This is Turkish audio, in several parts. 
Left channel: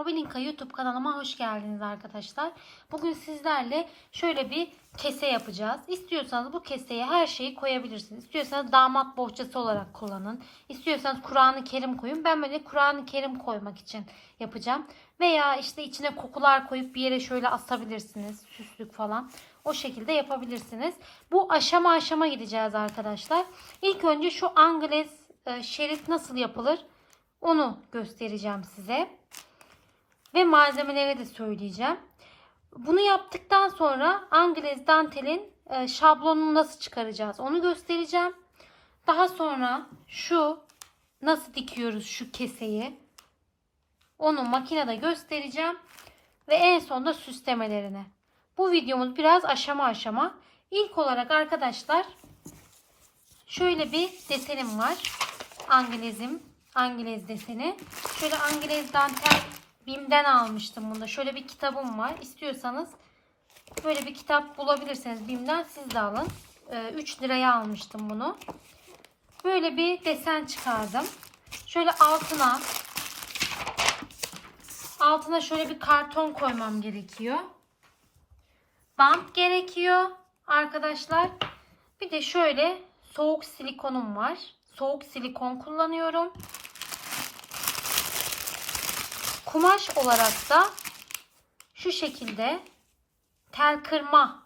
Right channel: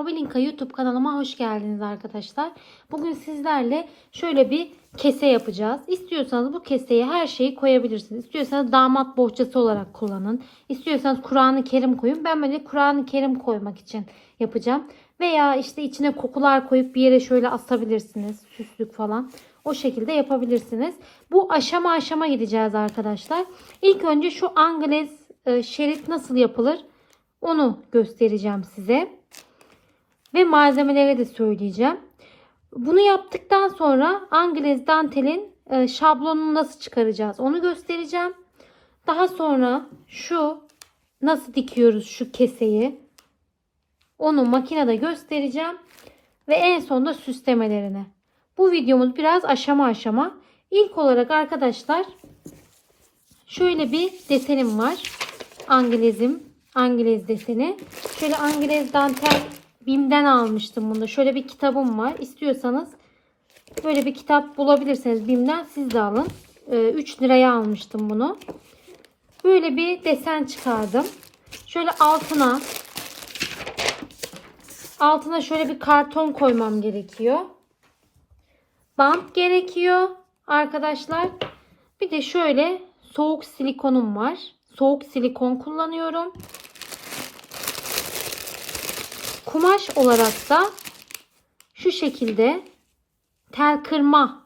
Hobelinka YouTube kanalıma hoş geldiniz arkadaşlar. Bugün sizlerle şöyle bir kese yapacağız. İstiyorsanız bu keseye her şeyi koyabilirsiniz. İstiyorsanız damat bohçası olarak kullanın. İstiyorsanız Kur'an-ı Kerim koyun. Ben böyle Kur'an-ı Kerim koymak için yapacağım. Veya işte içine kokular koyup bir yere şöyle asabilirsiniz. Süslük falan. O şekilde yapabilirsiniz. Bu aşama aşama gideceğiz arkadaşlar. İlk önce şu Angles e, şerit nasıl yapılır onu göstereceğim size. Ve malzemeleri de söyleyeceğim. Bunu yaptıktan sonra Angles dantelin e, şablonunu nasıl çıkaracağız onu göstereceğim. Daha sonra şu nasıl dikiyoruz şu keseyi onu makinede göstereceğim. Ve en sonunda süslemelerini. Bu videomuz biraz aşama aşama. İlk olarak arkadaşlar şöyle bir desenim var. Anglezim. Anglez deseni. Şöyle Anglez dantel Bim'den almıştım bunu. Şöyle bir kitabım var. İstiyorsanız böyle bir kitap bulabilirsiniz Bim'den siz de alın. 3 liraya almıştım bunu. Böyle bir desen çıkardım. Şöyle altına altına şöyle bir karton koymam gerekiyor. Bant gerekiyor arkadaşlar. Bir de şöyle soğuk silikonum var. Soğuk silikon kullanıyorum. Kumaş olarak da şu şekilde tel kırma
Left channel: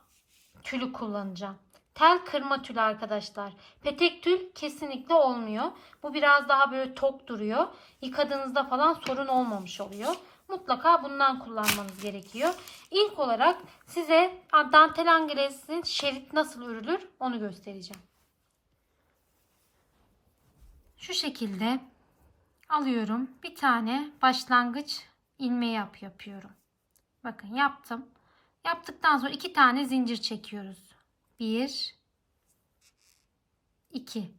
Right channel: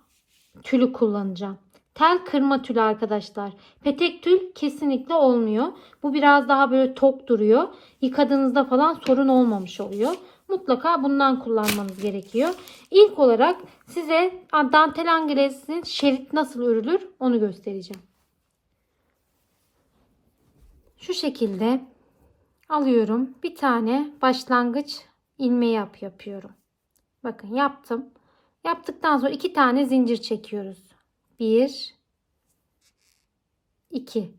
tülü kullanacağım. Tel kırma tülü arkadaşlar. Petek tül kesinlikle olmuyor. Bu biraz daha böyle tok duruyor. Yıkadığınızda falan sorun olmamış oluyor. Mutlaka bundan kullanmanız gerekiyor. İlk olarak size dantel angelesinin şerit nasıl örülür onu göstereceğim. Şu şekilde alıyorum. Bir tane başlangıç ilmeği yap yapıyorum. Bakın yaptım. Yaptıktan sonra iki tane zincir çekiyoruz. Bir, iki.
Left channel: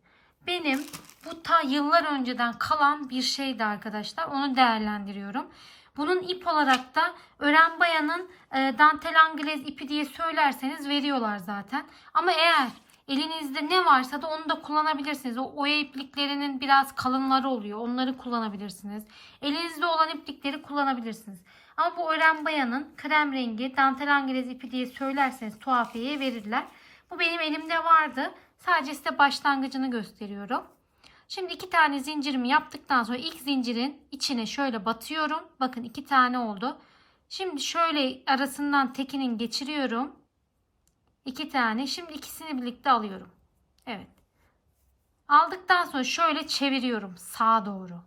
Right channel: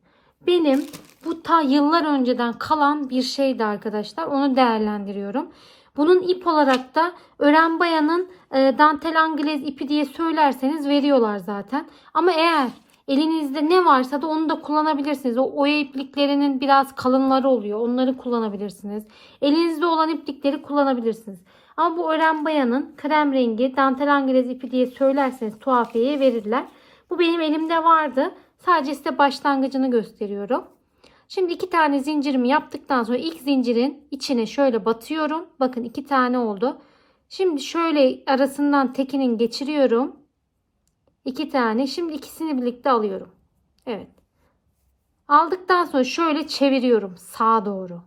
Benim bu ta yıllar önceden kalan bir şeydi arkadaşlar. Onu değerlendiriyorum. Bunun ip olarak da ören bayanın e, dantel anglez ipi diye söylerseniz veriyorlar zaten. Ama eğer elinizde ne varsa da onu da kullanabilirsiniz. O oya ipliklerinin biraz kalınları oluyor. Onları kullanabilirsiniz. Elinizde olan iplikleri kullanabilirsiniz. Ama bu ören bayanın krem rengi dantel anglez ipi diye söylerseniz tuhafiyeye verirler. Bu benim elimde vardı. Sadece size başlangıcını gösteriyorum. Şimdi iki tane zincirimi yaptıktan sonra ilk zincirin içine şöyle batıyorum. Bakın iki tane oldu. Şimdi şöyle arasından tekinin geçiriyorum. İki tane. Şimdi ikisini birlikte alıyorum. Evet. Aldıktan sonra şöyle çeviriyorum sağa doğru.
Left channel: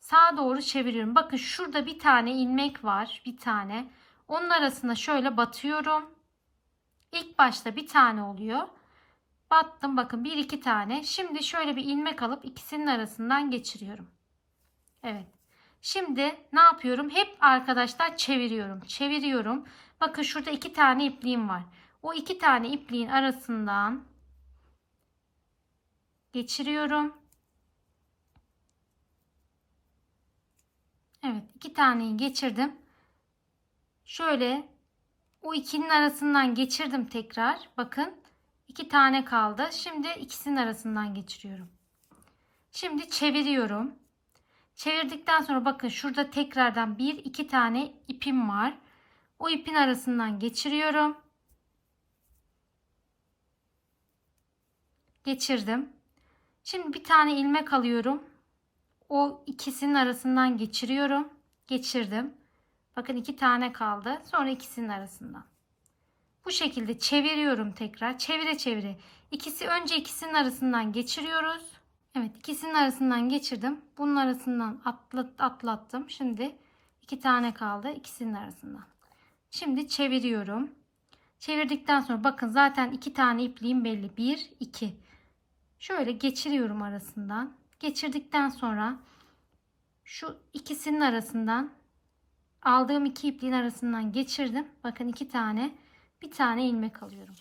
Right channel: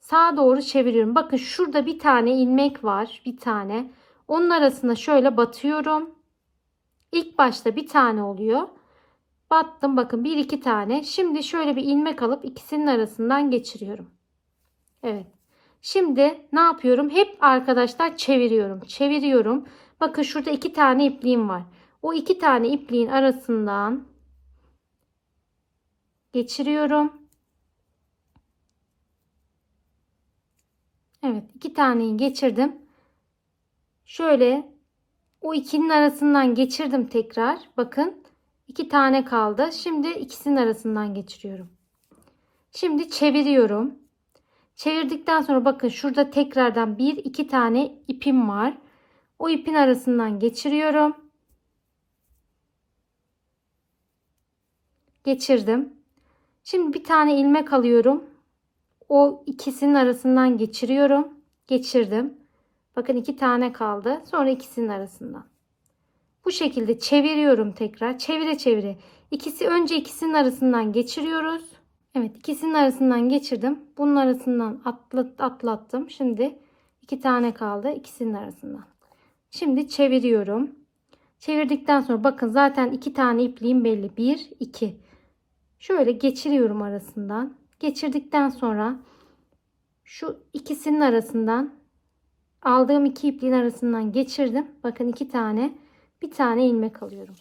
Sağa doğru çeviriyorum. Bakın şurada bir tane ilmek var. Bir tane. Onun arasına şöyle batıyorum. İlk başta bir tane oluyor. Battım bakın bir iki tane. Şimdi şöyle bir ilmek alıp ikisinin arasından geçiriyorum. Evet. Şimdi ne yapıyorum? Hep arkadaşlar çeviriyorum. Çeviriyorum. Bakın şurada iki tane ipliğim var. O iki tane ipliğin arasından geçiriyorum. Evet iki taneyi geçirdim. Şöyle o ikinin arasından geçirdim tekrar. Bakın iki tane kaldı. Şimdi ikisinin arasından geçiriyorum. Şimdi çeviriyorum. Çevirdikten sonra bakın şurada tekrardan bir iki tane ipim var. O ipin arasından geçiriyorum. Geçirdim. Şimdi bir tane ilmek alıyorum. O ikisinin arasından geçiriyorum. Geçirdim. Bakın iki tane kaldı. Sonra ikisinin arasından. Bu şekilde çeviriyorum tekrar. Çevire çevire. İkisi önce ikisinin arasından geçiriyoruz. Evet ikisinin arasından geçirdim. Bunun arasından atlat, atlattım. Şimdi iki tane kaldı. ikisinin arasından. Şimdi çeviriyorum. Çevirdikten sonra bakın zaten iki tane ipliğim belli. Bir, iki. Şöyle geçiriyorum arasından. Geçirdikten sonra şu ikisinin arasından aldığım iki ipliğin arasından geçirdim. Bakın iki tane bir tane ilmek alıyorum.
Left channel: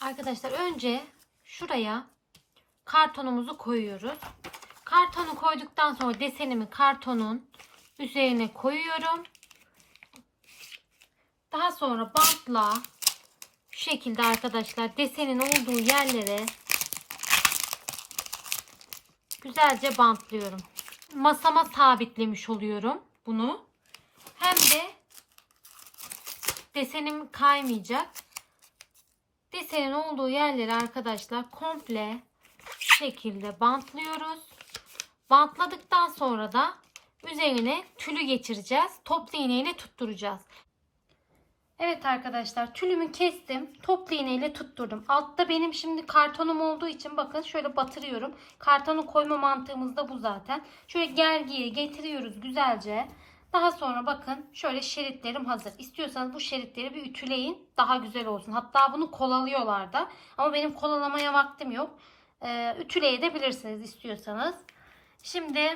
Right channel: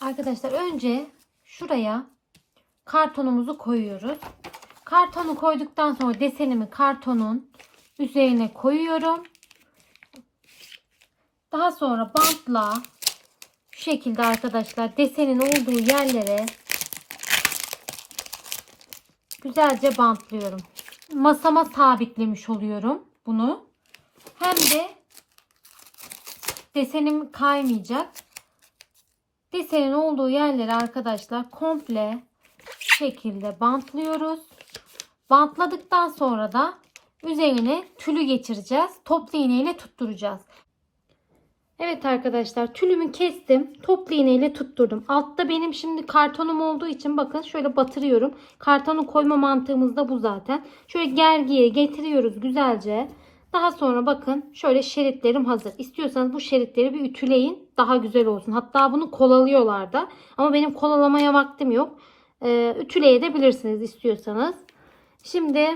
Arkadaşlar önce şuraya kartonumuzu koyuyoruz. Kartonu koyduktan sonra desenimi kartonun üzerine koyuyorum. Daha sonra bantla şekilde arkadaşlar desenin olduğu yerlere güzelce bantlıyorum. Masama sabitlemiş oluyorum bunu. hem de desenim kaymayacak. Desenin olduğu yerleri arkadaşlar komple şekilde bantlıyoruz. Bantladıktan sonra da üzerine tülü geçireceğiz. Toplu iğne ile tutturacağız. Evet arkadaşlar tülümü kestim. Toplu iğne ile tutturdum. Altta benim şimdi kartonum olduğu için bakın şöyle batırıyorum. Kartonu koyma mantığımız da bu zaten. Şöyle gergiye getiriyoruz güzelce. Daha sonra bakın şöyle şeritlerim hazır. İstiyorsanız bu şeritleri bir ütüleyin. Daha güzel olsun. Hatta bunu kolalıyorlar da. Ama benim kolalamaya vaktim yok. Ee, ütüleyebilirsiniz istiyorsanız. Şimdi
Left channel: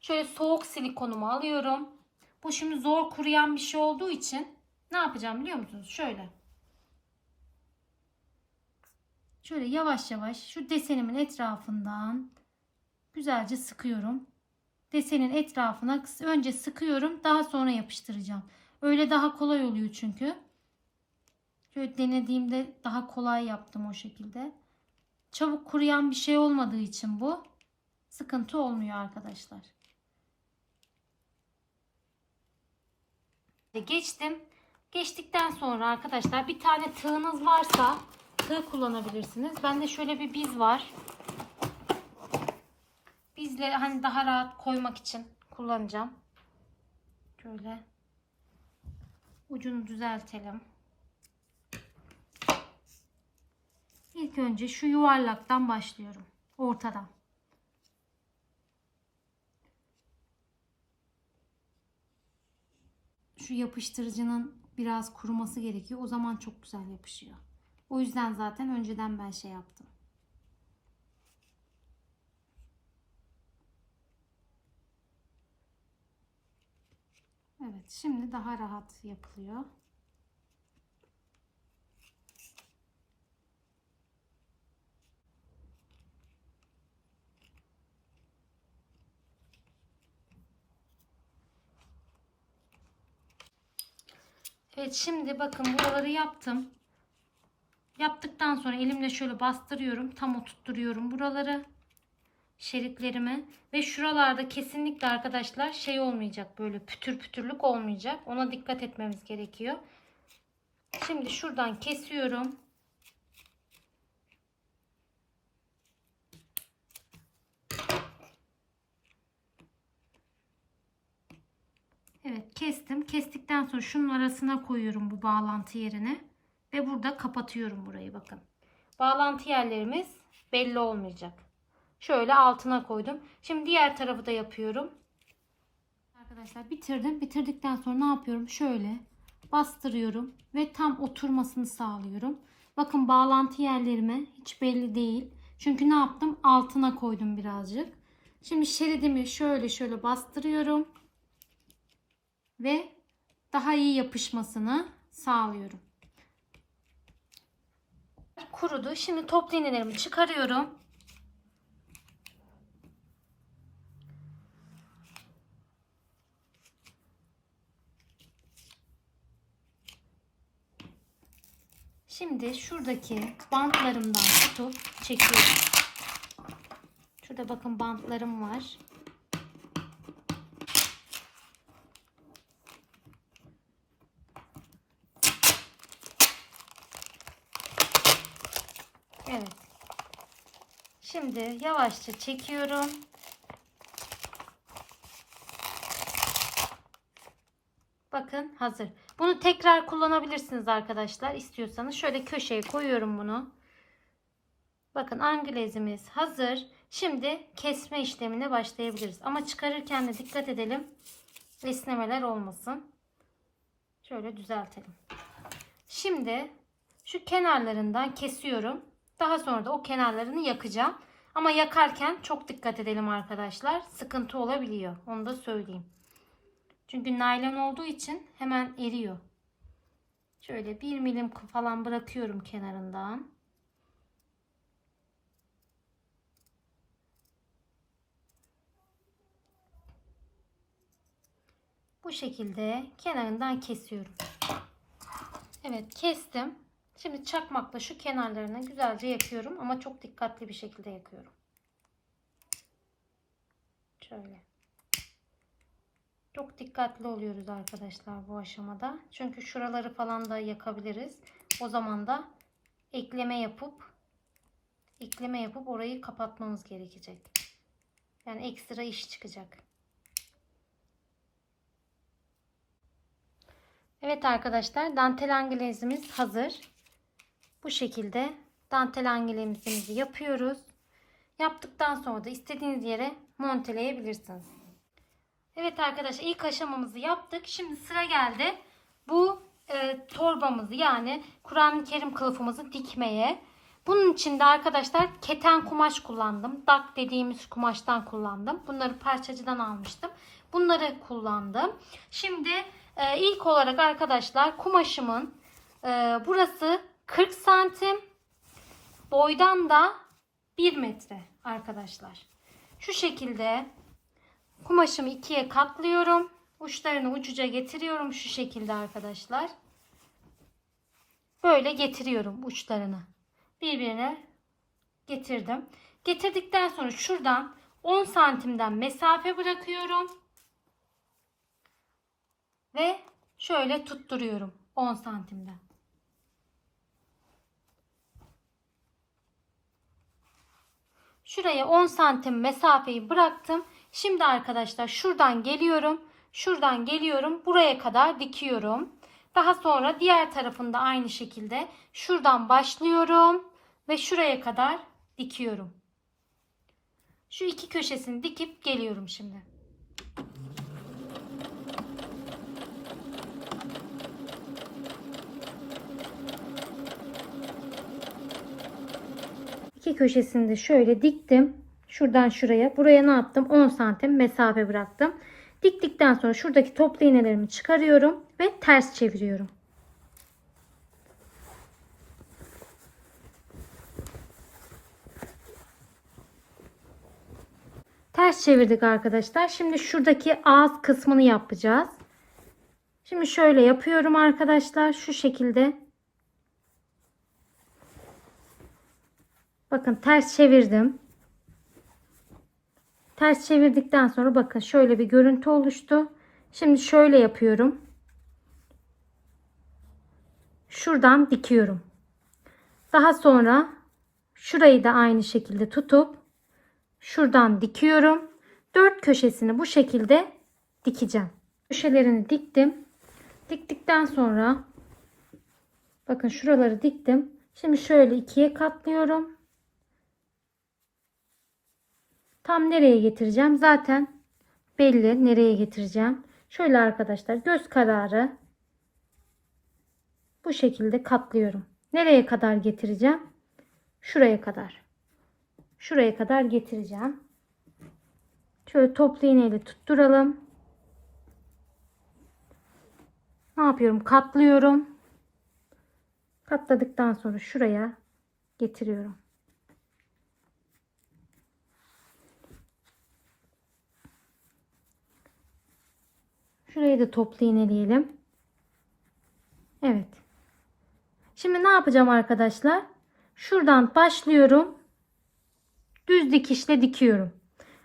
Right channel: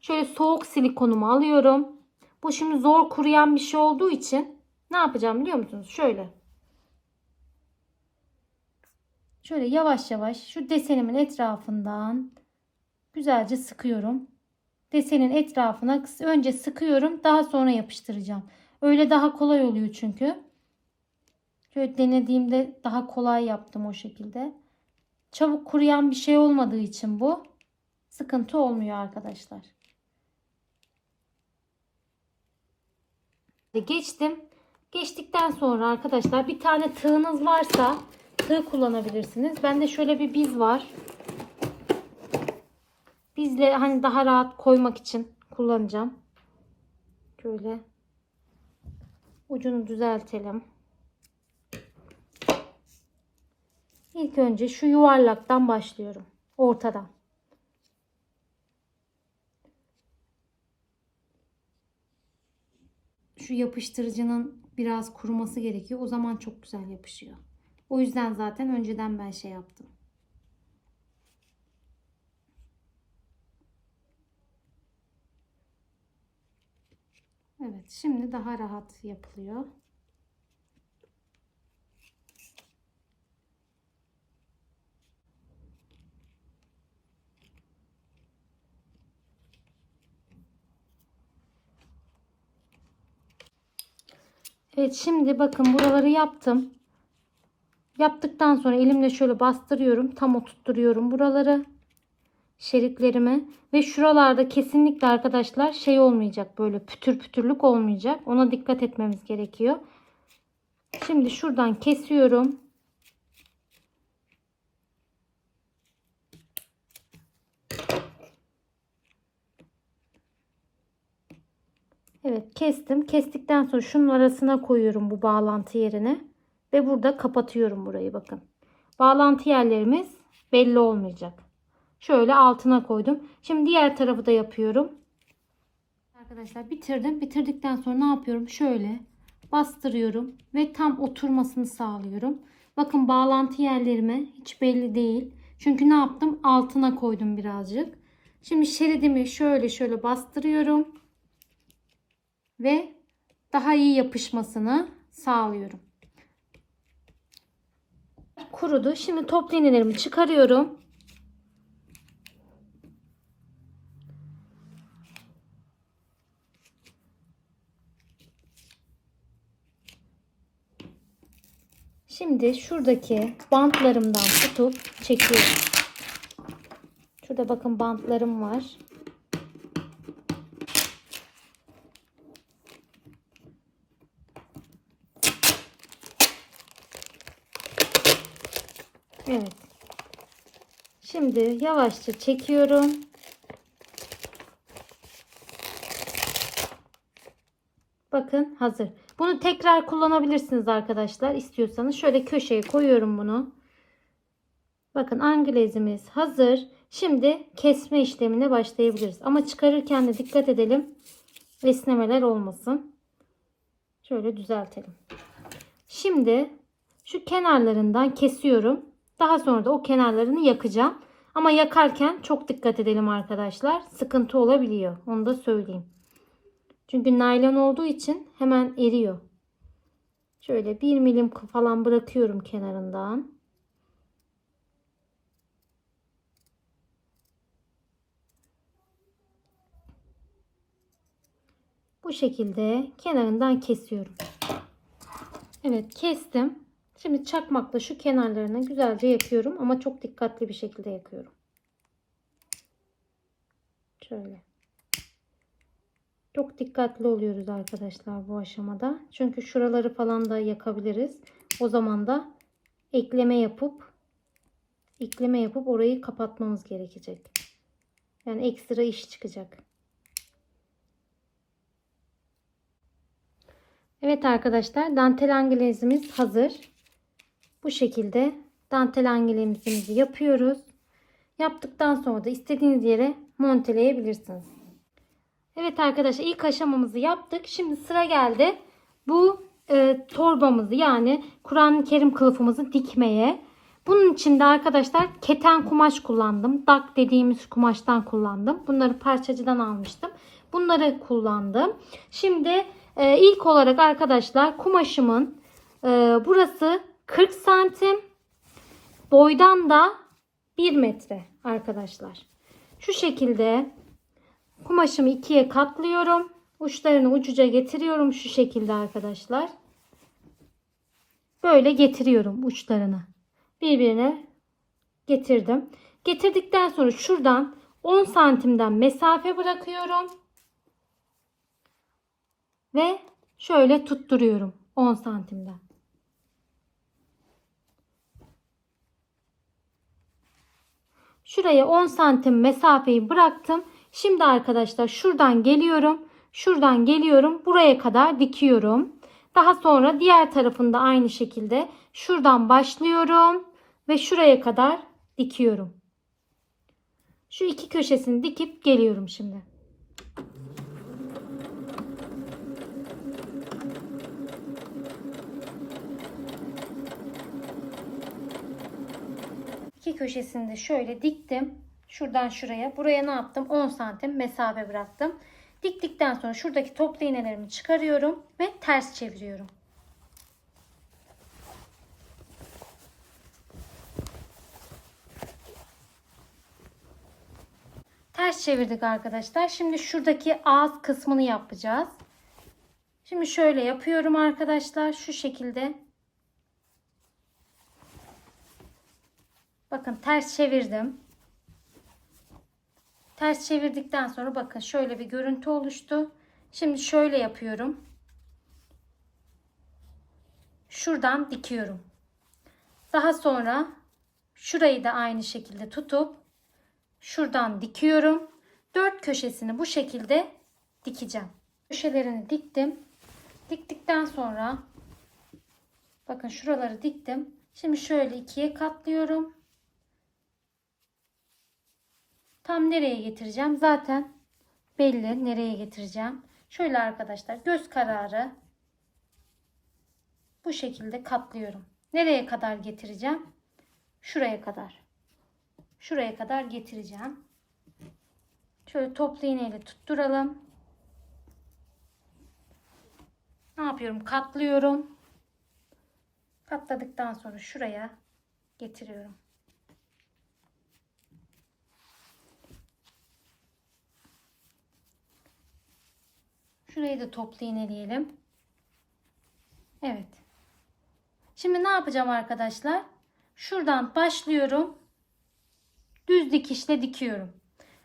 şöyle soğuk silikonumu alıyorum. Bu şimdi zor kuruyan bir şey olduğu için ne yapacağım biliyor musunuz? Şöyle. Şöyle yavaş yavaş şu desenimin etrafından güzelce sıkıyorum. Desenin etrafına önce sıkıyorum daha sonra yapıştıracağım. Öyle daha kolay oluyor çünkü. Şöyle denediğimde daha kolay yaptım o şekilde. Çabuk kuruyan bir şey olmadığı için bu sıkıntı olmuyor arkadaşlar. Geçtim. Geçtikten sonra arkadaşlar bir tane tığınız varsa tığ kullanabilirsiniz. Bende şöyle bir biz var. Bizle hani daha rahat koymak için kullanacağım. Şöyle ucunu düzeltelim. İlk önce şu yuvarlaktan başlıyorum. Ortadan. Şu yapıştırıcının biraz kuruması gerekiyor. O zaman çok güzel yapışıyor. O yüzden zaten önceden ben şey yaptım. Evet, şimdi daha rahat yapılıyor. Evet şimdi bakın buraları yaptım. Yaptıktan sonra elimle şöyle bastırıyorum. Tam oturtturuyorum buraları. Şeritlerimi. Ve şuralarda kesinlikle arkadaşlar şey olmayacak. Böyle pütür pütürlük olmayacak. Ona dikkat etmemiz gerekiyor. Şimdi şuradan kesiyorum. Evet kestim. Kestikten sonra şunun arasına koyuyorum bu bağlantı yerine. Ve burada kapatıyorum burayı bakın. Bağlantı yerlerimiz belli olmayacak. Şöyle altına koydum. Şimdi diğer tarafı da yapıyorum. Arkadaşlar bitirdim. Bitirdikten sonra ne yapıyorum? Şöyle bastırıyorum ve tam oturmasını sağlıyorum. Bakın bağlantı yerlerime hiç belli değil. Çünkü ne yaptım? Altına koydum birazcık. Şimdi şeridimi şöyle şöyle bastırıyorum ve daha iyi yapışmasını sağlıyorum. Kurudu. Şimdi toplu iğnelerimi çıkarıyorum. Şimdi şuradaki bantlarımdan tutup çekiyorum. Şurada bakın bantlarım var. Evet. Şimdi yavaşça çekiyorum. Bakın hazır. Bunu tekrar kullanabilirsiniz arkadaşlar istiyorsanız. Şöyle köşeye koyuyorum bunu. Bakın anglezimiz hazır. Şimdi kesme işlemine başlayabiliriz. Ama çıkarırken de dikkat edelim. Esnemeler olmasın. Şöyle düzeltelim. Şimdi şu kenarlarından kesiyorum. Daha sonra da o kenarlarını yakacağım. Ama yakarken çok dikkat edelim arkadaşlar. Sıkıntı olabiliyor. Onu da söyleyeyim. Çünkü naylon olduğu için hemen eriyor. Şöyle bir milim falan bırakıyorum kenarından. Bu şekilde kenarından kesiyorum. Evet kestim. Şimdi çakmakla şu kenarlarını güzelce yakıyorum ama çok dikkatli bir şekilde yakıyorum. Şöyle. Çok dikkatli oluyoruz arkadaşlar bu aşamada. Çünkü şuraları falan da yakabiliriz. O zaman da ekleme yapıp ekleme yapıp orayı kapatmamız gerekecek. Yani ekstra iş çıkacak. Evet arkadaşlar dantel angelezimiz hazır. Bu şekilde dantel angelezimizi yapıyoruz. Yaptıktan sonra da istediğiniz yere monteleyebilirsiniz. Evet arkadaşlar ilk aşamamızı yaptık. Şimdi sıra geldi bu e, torbamızı yani Kur'an-ı Kerim kılıfımızı dikmeye. Bunun için de arkadaşlar keten kumaş kullandım. Dak dediğimiz kumaştan kullandım. Bunları parçacıdan almıştım. Bunları kullandım. Şimdi e, ilk olarak arkadaşlar kumaşımın e, burası 40 santim. Boydan da 1 metre arkadaşlar. Şu şekilde kumaşımı ikiye katlıyorum. Uçlarını ucuca getiriyorum şu şekilde arkadaşlar. Böyle getiriyorum uçlarını. Birbirine getirdim. Getirdikten sonra şuradan 10 santimden mesafe bırakıyorum. Ve şöyle tutturuyorum 10 santimden. Şuraya 10 santim mesafeyi bıraktım. Şimdi arkadaşlar şuradan geliyorum. Şuradan geliyorum. Buraya kadar dikiyorum. Daha sonra diğer tarafında aynı şekilde şuradan başlıyorum ve şuraya kadar dikiyorum. Şu iki köşesini dikip geliyorum şimdi. İki köşesini de şöyle diktim. Şuradan şuraya. Buraya ne yaptım? 10 santim mesafe bıraktım. Diktikten sonra şuradaki toplu iğnelerimi çıkarıyorum ve ters çeviriyorum. Ters çevirdik arkadaşlar. Şimdi şuradaki ağız kısmını yapacağız. Şimdi şöyle yapıyorum arkadaşlar. Şu şekilde. Bakın ters çevirdim. Ters çevirdikten sonra bakın şöyle bir görüntü oluştu. Şimdi şöyle yapıyorum. Şuradan dikiyorum. Daha sonra şurayı da aynı şekilde tutup şuradan dikiyorum. Dört köşesini bu şekilde dikeceğim. Köşelerini diktim. Diktikten sonra bakın şuraları diktim. Şimdi şöyle ikiye katlıyorum. Tam nereye getireceğim? Zaten belli nereye getireceğim. Şöyle arkadaşlar göz kararı bu şekilde katlıyorum. Nereye kadar getireceğim? Şuraya kadar. Şuraya kadar getireceğim. Şöyle toplu iğneyle tutturalım. Ne yapıyorum? Katlıyorum. Katladıktan sonra şuraya getiriyorum. Şurayı da toplu iğneleyelim. Evet. Şimdi ne yapacağım arkadaşlar? Şuradan başlıyorum. Düz dikişle dikiyorum.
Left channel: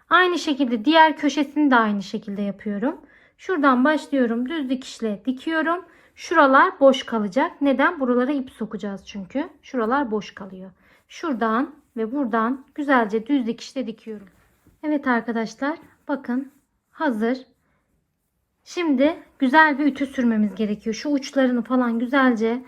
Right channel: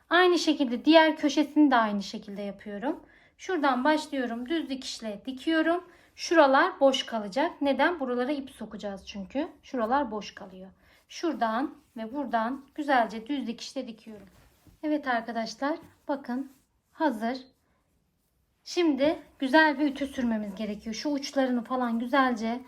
Aynı şekilde diğer köşesini de aynı şekilde yapıyorum. Şuradan başlıyorum. Düz dikişle dikiyorum. Şuralar boş kalacak. Neden? Buralara ip sokacağız çünkü. Şuralar boş kalıyor. Şuradan ve buradan güzelce düz dikişle dikiyorum. Evet arkadaşlar bakın hazır. Şimdi güzel bir ütü sürmemiz gerekiyor. Şu uçlarını falan güzelce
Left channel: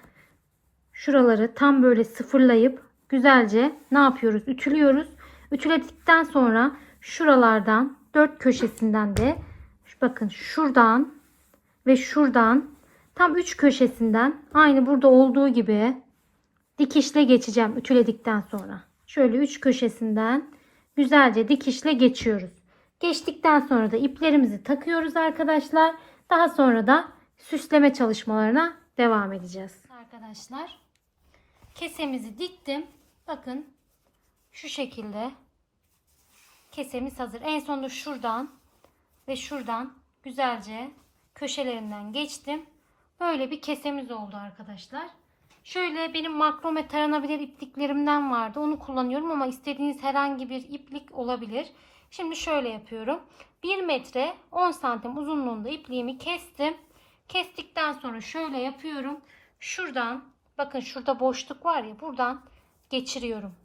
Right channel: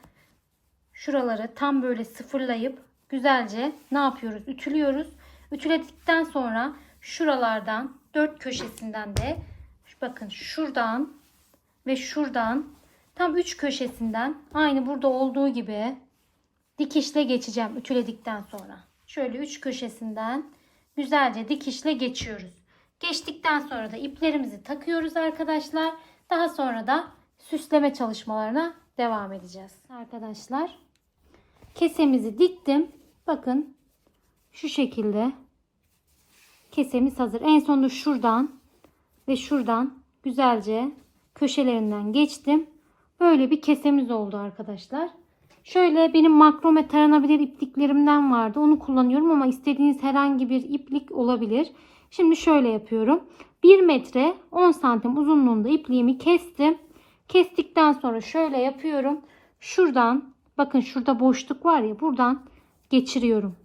şuraları tam böyle sıfırlayıp güzelce ne yapıyoruz? Ütülüyoruz. Ütüledikten sonra şuralardan dört köşesinden de bakın şuradan ve şuradan tam üç köşesinden aynı burada olduğu gibi dikişle geçeceğim ütüledikten sonra. Şöyle üç köşesinden güzelce dikişle geçiyoruz. Geçtikten sonra da iplerimizi takıyoruz arkadaşlar. Daha sonra da süsleme çalışmalarına devam edeceğiz. Arkadaşlar kesemizi diktim. Bakın şu şekilde kesemiz hazır. En sonunda şuradan ve şuradan güzelce köşelerinden geçtim. Böyle bir kesemiz oldu arkadaşlar. Şöyle benim makrome taranabilir ipliklerimden vardı. Onu kullanıyorum ama istediğiniz herhangi bir iplik olabilir. Şimdi şöyle yapıyorum. 1 metre 10 santim uzunluğunda ipliğimi kestim. Kestikten sonra şöyle yapıyorum. Şuradan bakın şurada boşluk var ya buradan geçiriyorum.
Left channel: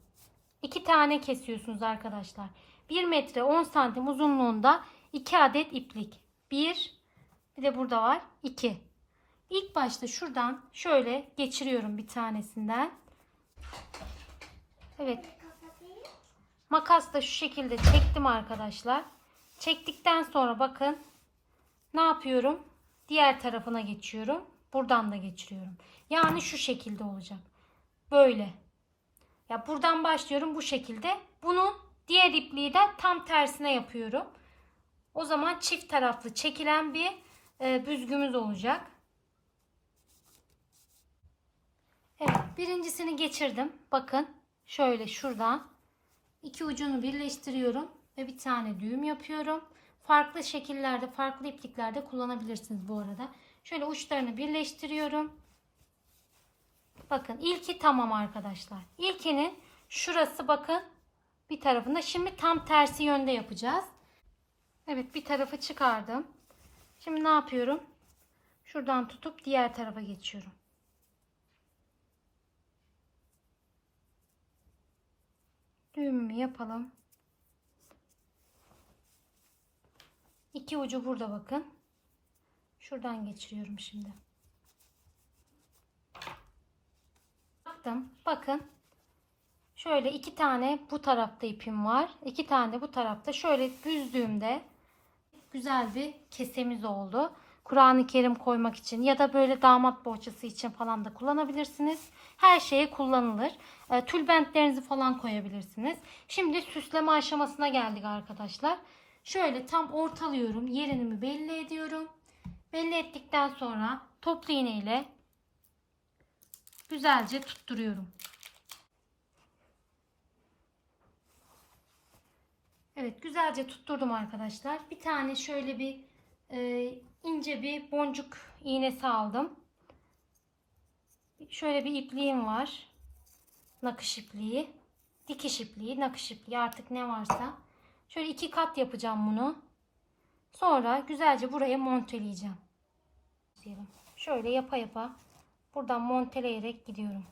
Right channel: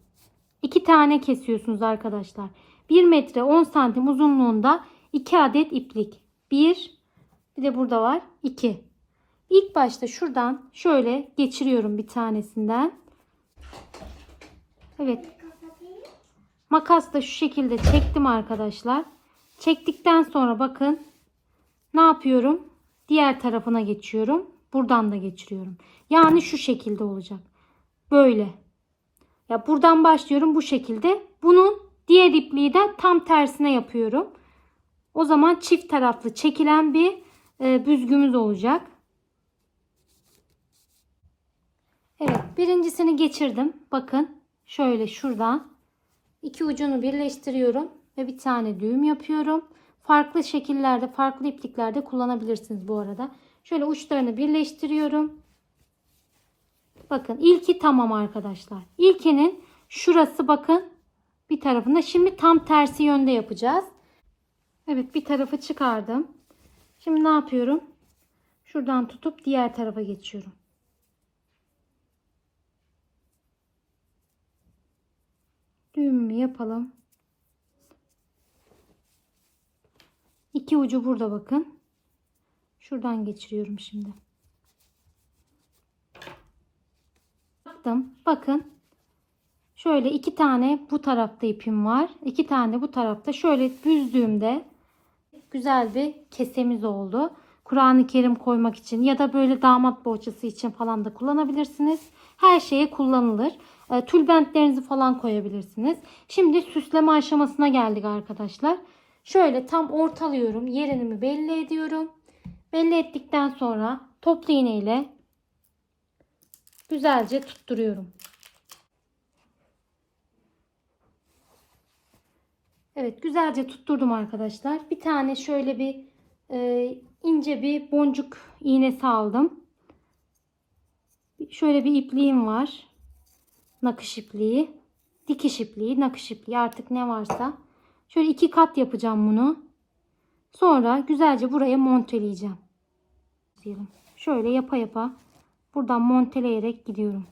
2 tane kesiyorsunuz arkadaşlar. 1 metre 10 santim uzunluğunda 2 adet iplik. 1 bir de burada var 2. İlk başta şuradan şöyle geçiriyorum bir tanesinden. Evet. Makas da şu şekilde çektim arkadaşlar. Çektikten sonra bakın ne yapıyorum? Diğer tarafına geçiyorum. Buradan da geçiriyorum. Yani şu şekilde olacak. Böyle. Ya buradan başlıyorum bu şekilde. Bunun diğer ipliği de tam tersine yapıyorum. O zaman çift taraflı çekilen bir e, büzgümüz olacak. Evet birincisini geçirdim. Bakın şöyle şuradan iki ucunu birleştiriyorum ve bir tane düğüm yapıyorum. Farklı şekillerde farklı ipliklerde kullanabilirsiniz bu arada. Şöyle uçlarını birleştiriyorum. Bakın ilki tamam arkadaşlar. İlkinin şurası bakın bir tarafında. Şimdi tam tersi yönde yapacağız. Evet bir tarafı çıkardım. Şimdi ne yapıyorum? Şuradan tutup diğer tarafa geçiyorum. Düğümümü yapalım. İki ucu burada bakın. Şuradan geçiriyorum şimdi. Baktım. Bakın. Şöyle iki tane bu tarafta ipim var. İki tane bu tarafta. Şöyle büzdüğümde güzel bir kesemiz oldu. Kur'an-ı Kerim koymak için ya da böyle damat bohçası için falan da kullanabilirsiniz. Her şeye kullanılır. E, tülbentlerinizi falan koyabilirsiniz. Şimdi süsleme aşamasına geldik arkadaşlar. Şöyle tam ortalıyorum. Yerini belli ediyorum. Belli ettikten sonra toplu iğne güzelce tutturuyorum. Evet güzelce tutturdum arkadaşlar. Bir tane şöyle bir e, ince bir boncuk iğnesi aldım. Şöyle bir ipliğim var. Nakış ipliği. Dikiş ipliği, nakış ipliği artık ne varsa. Şöyle iki kat yapacağım bunu. Sonra güzelce buraya monteleyeceğim. Şöyle yapa yapa buradan monteleyerek gidiyorum.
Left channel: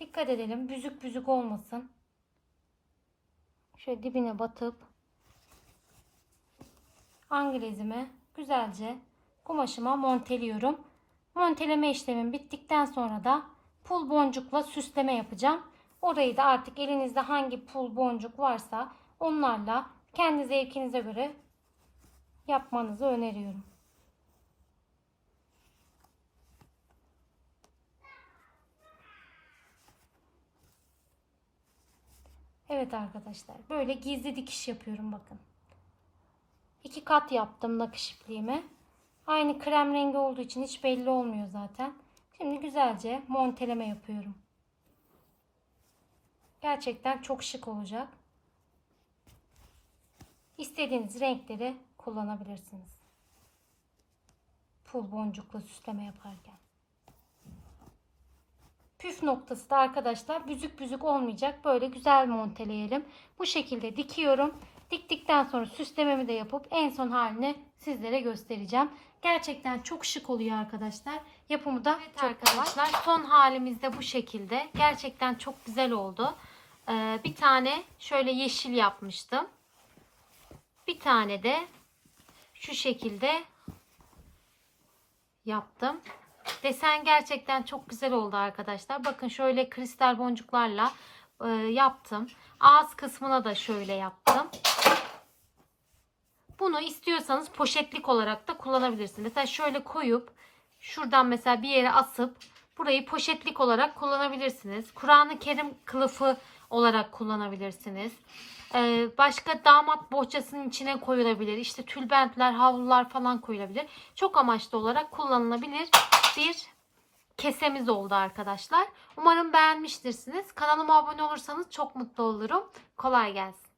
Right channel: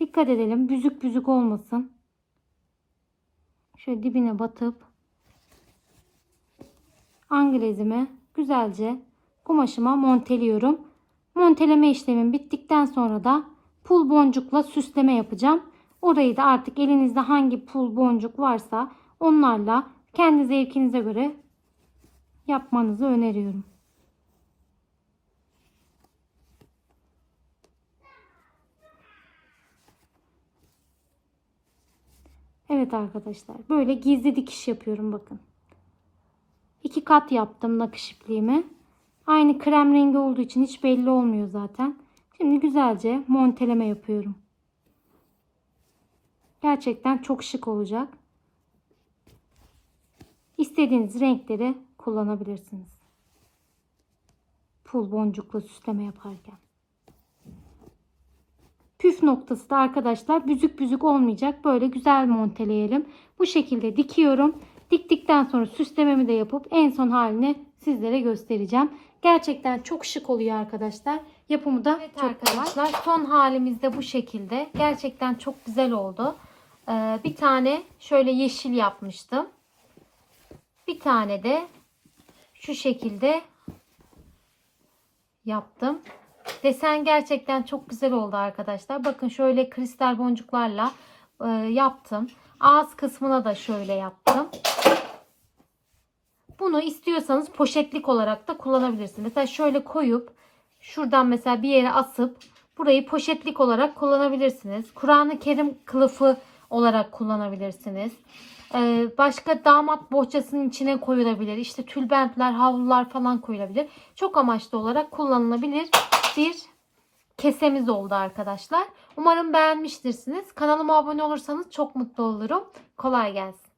Dikkat edelim büzük büzük olmasın. Şöyle dibine batıp anglezimi güzelce kumaşıma monteliyorum. Monteleme işlemim bittikten sonra da pul boncukla süsleme yapacağım. Orayı da artık elinizde hangi pul boncuk varsa onlarla kendi zevkinize göre yapmanızı öneriyorum. Evet arkadaşlar böyle gizli dikiş yapıyorum bakın. İki kat yaptım nakış ipliğimi. Aynı krem rengi olduğu için hiç belli olmuyor zaten. Şimdi güzelce monteleme yapıyorum. Gerçekten çok şık olacak. İstediğiniz renkleri kullanabilirsiniz. Pul boncukla süsleme yaparken. Püf noktası da arkadaşlar büzük büzük olmayacak. Böyle güzel monteleyelim. Bu şekilde dikiyorum. Diktikten sonra süslememi de yapıp en son halini sizlere göstereceğim. Gerçekten çok şık oluyor arkadaşlar. Yapımı da evet çok arkadaşlar. Kolay. Son halimiz de bu şekilde. Gerçekten çok güzel oldu. Ee, bir tane şöyle yeşil yapmıştım. Bir tane de şu şekilde yaptım. Desen gerçekten çok güzel oldu arkadaşlar. Bakın şöyle kristal boncuklarla e, yaptım. Ağız kısmına da şöyle yaptım. Bunu istiyorsanız poşetlik olarak da kullanabilirsiniz. Mesela şöyle koyup şuradan mesela bir yere asıp burayı poşetlik olarak kullanabilirsiniz. Kur'an-ı Kerim kılıfı olarak kullanabilirsiniz. Ee, başka damat bohçasının içine koyulabilir. İşte tülbentler, havlular falan koyulabilir. Çok amaçlı olarak kullanılabilir bir kesemiz oldu arkadaşlar. Umarım beğenmiştirsiniz. Kanalıma abone olursanız çok mutlu olurum. Kolay gelsin.